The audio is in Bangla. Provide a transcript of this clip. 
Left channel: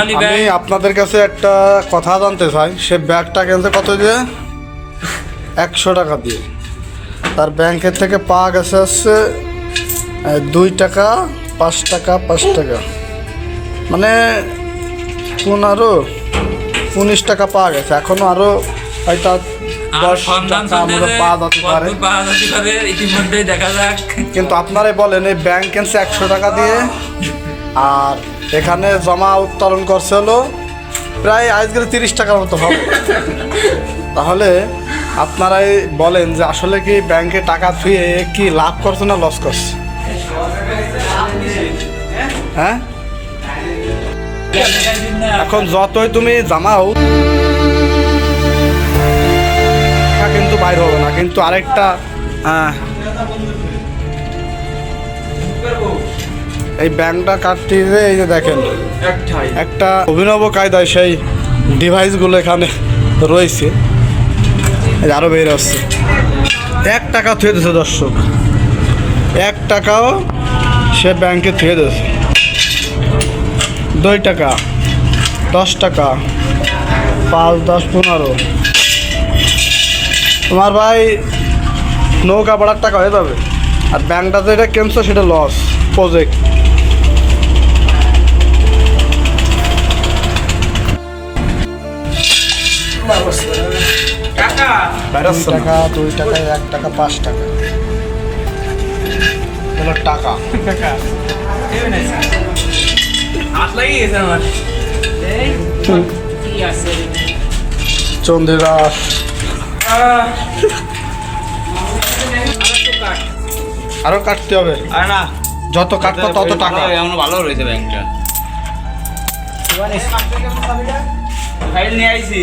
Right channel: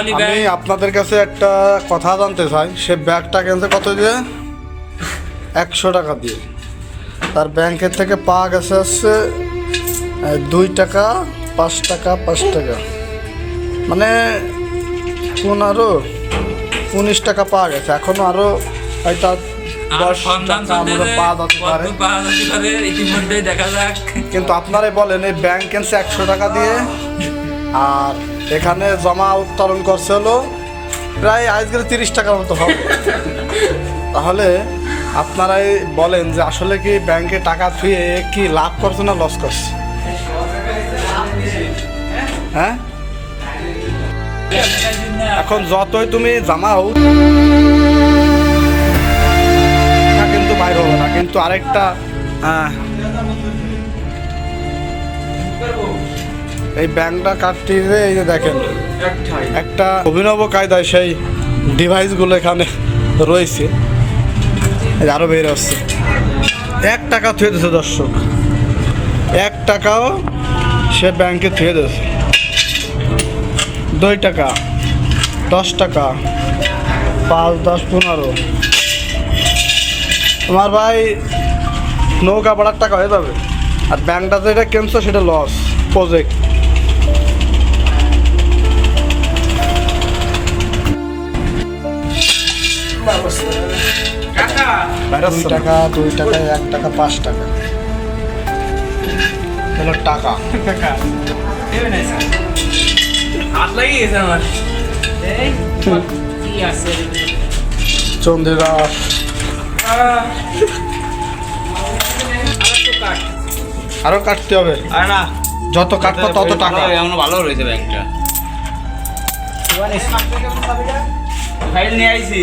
আমি আপনাদের কাছে একটা কথা জানতে চাই। সে ব্যাগটা গেছে কত দিয়ে একশো টাকা দিয়ে। তার ব্যাংকের থেকে পাওয়া গেছে হচ্ছে দুই টাকা পাঁচ টাকা পাঁচ টাকা। মানে কোন আরও উনিশ টাকা পাওয়া গেছে। এখনও আরও হয়তো কিন্তু আপনারাই বলেন এই ব্যাংক একশো টাকা দিয়ে। আর এখানে জমা উত্তোলন করছে হলো প্রায় আজকাল তিরিশ টাকার মতো হবে। তাহলে আপনারাই বলেন যে আসলে কি ব্যাংকে টাকা ফিয়ে কি লাভ করছে না লস করছে? হ্যাঁ? এখন যতই তুমি টাকা কিন্তু বাইর হবে না, কিন্তু আরেকটা এই কাটতে গিয়ে এই যে দেখেন, একটা অভিনব কায়দায় সেই ডিভাইসগুলো এখানে রয়েছে। আরও বের আসছে এক টাকা থুয়ে দিয়েছে দর্শক। এক টাকাও সে ব্যাংকে থুয়ে দিয়েছে। দুই টাকা, দশ টাকা, পাঁচ, দশ, পনেরো। তোমার ভাই নৌকা ভাড়ার টাকা হয়ে যাবে? আর ব্যাংকটা যেটা কিনছো সেটা লস প্রজেক্ট দুই টাকা দুই টাকা এক টাকা পাঁচ টাকা। হলো টাকা। হাত আরও কাটতে হবে। আরে না। যত কাটবো তত টাকা। এমন ভালো রয়েছে ব্যাংকটা। ফাইল নিয়ে আইছি।